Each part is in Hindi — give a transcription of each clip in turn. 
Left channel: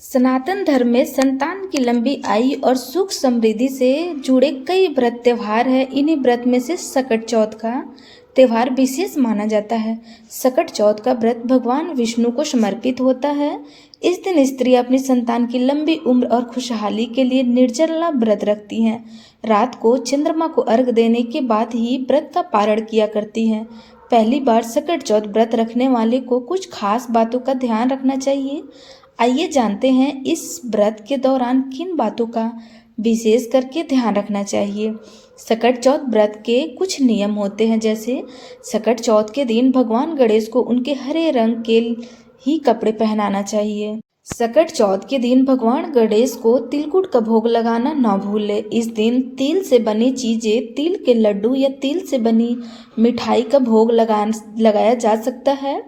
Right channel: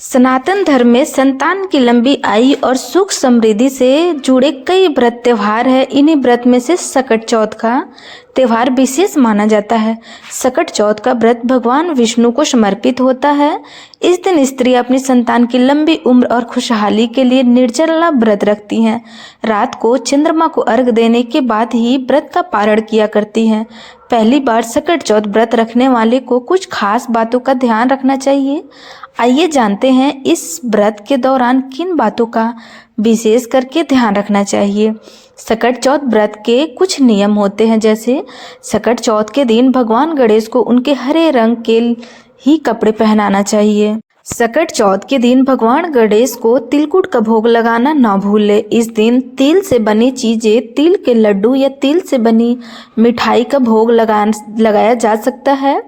सनातन धर्म में संतान की लंबी आयु और सुख समृद्धि से जुड़े कई व्रत त्योहार है। इन्हीं व्रत में से सकट चौथ का त्योहार विशेष माना जाता है। सकट चौथ का व्रत भगवान विष्णु को समर्पित होता है। इस दिन स्त्री अपनी संतान की लंबी उम्र और खुशहाली के लिए निर्जला व्रत रखती हैं। रात को चंद्रमा को अर्घ देने के बाद ही व्रत का पारण किया करती हैं। पहली बार सकट चौथ व्रत रखने वाले को कुछ खास बातों का ध्यान रखना चाहिए। आइए जानते हैं इस व्रत के दौरान किन बातों का विशेष करके ध्यान रखना चाहिए। सकट चौथ व्रत के कुछ नियम होते हैं, जैसे सकट चौथ के दिन भगवान गणेश को उनके हरे रंग के ही कपड़े पहनाना चाहिए। सकट चौथ के दिन भगवान गणेश को तिलकुट का भोग लगाना ना भूलें। इस दिन तिल से बनी चीजें, तिल के लड्डू या तिल से बनी मिठाई का भोग लगाया जा सकता है।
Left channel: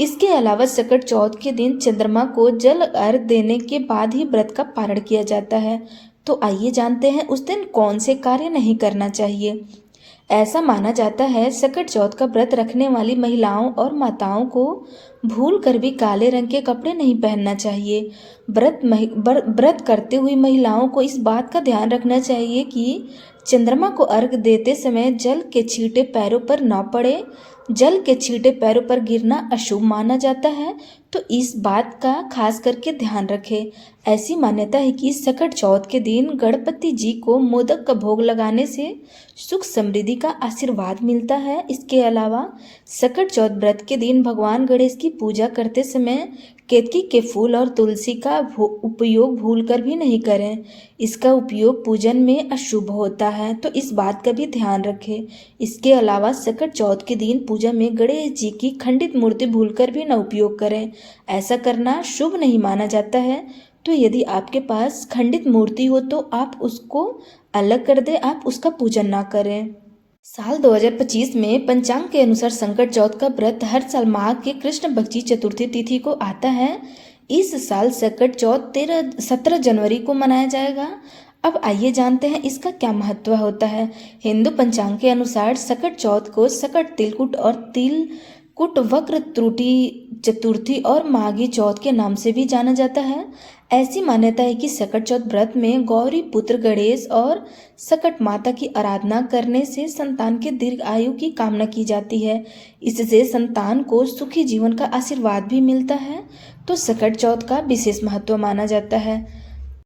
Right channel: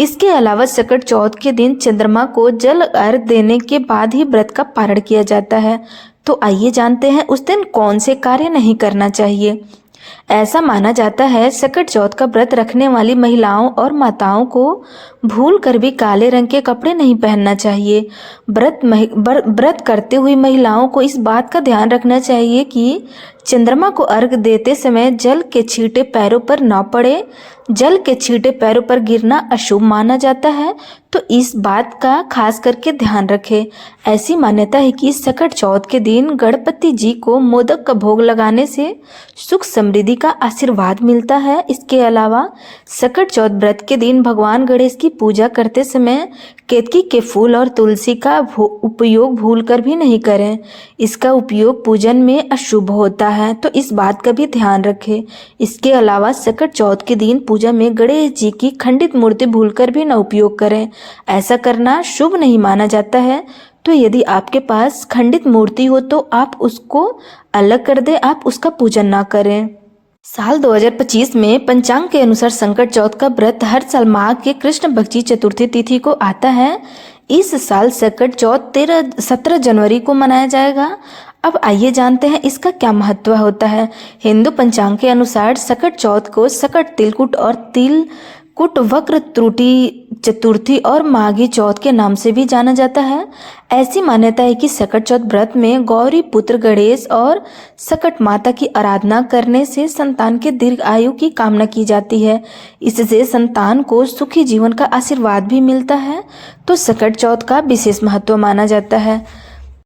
इसके अलावा सकट चौथ के दिन चंद्रमा को जल अर्घ देने के बाद ही व्रत का पारण किया जाता है। तो आइए जानते हैं उस दिन कौन से कार्य नहीं करना चाहिए। ऐसा माना जाता है सकट चौथ का व्रत रखने वाली महिलाओं और माताओं को भूल कर भी काले रंग के कपड़े नहीं पहनना चाहिए। व्रत करते हुई महिलाओं को इस बात का ध्यान रखना चाहिए कि चंद्रमा को अर्घ देते समय जल के छींटे पैरों पर न पड़े। जल के छींटे पैरों पर गिरना अशुभ माना जाता है, तो इस बात का खास करके ध्यान रखें। ऐसी मान्यता है कि सकट चौथ के दिन गणपति जी को मोदक का भोग लगाने से सुख समृद्धि का आशीर्वाद मिलता है। इसके अलावा सकट चौथ व्रत के दिन भगवान गणेश की पूजा करते समय केतकी के फूल और तुलसी का उपयोग भूलकर भी नहीं करें। इसका उपयोग पूजन में अशुभ होता है, तो इस बात का भी ध्यान रखें। इसके अलावा सकट चौथ के दिन पूजा में गणेश जी की खंडित मूर्ति भूलकर भी न उपयोग करें। ऐसा करना शुभ नहीं माना जाता है। तो यदि आपके पास खंडित मूर्ति हो तो आप उसको अलग कर दें, आप उसका पूजन ना करें। साल 2025 में पंचांग के अनुसार संकट चौथ का व्रत हर साल माह के कृष्ण पक्ष चतुर्थी तिथि को आता है। इस साल सकट चौथ 17 जनवरी को मनाया जाएगा। अब आइए जानते हैं इसका क्या महत्व होता है। हिंदू पंचांग के अनुसार सकट चौथ को सकट तिलकुट और तिलकुट वक्र त्रुटि चतुर्थी और माघी चौथ के नाम से भी जाना जाता है। ऐसी मान्यता है कि सकट चौथ व्रत में गौरी पुत्र गणेश और सकट माता की आराधना करने से संतान के दीर्घ आयु की कामना की जाती है। इससे संतान को सुखी जीवन का आशीर्वाद भी मिलता है, तो सकट चौथ का विशेष महत्व माना जाता है।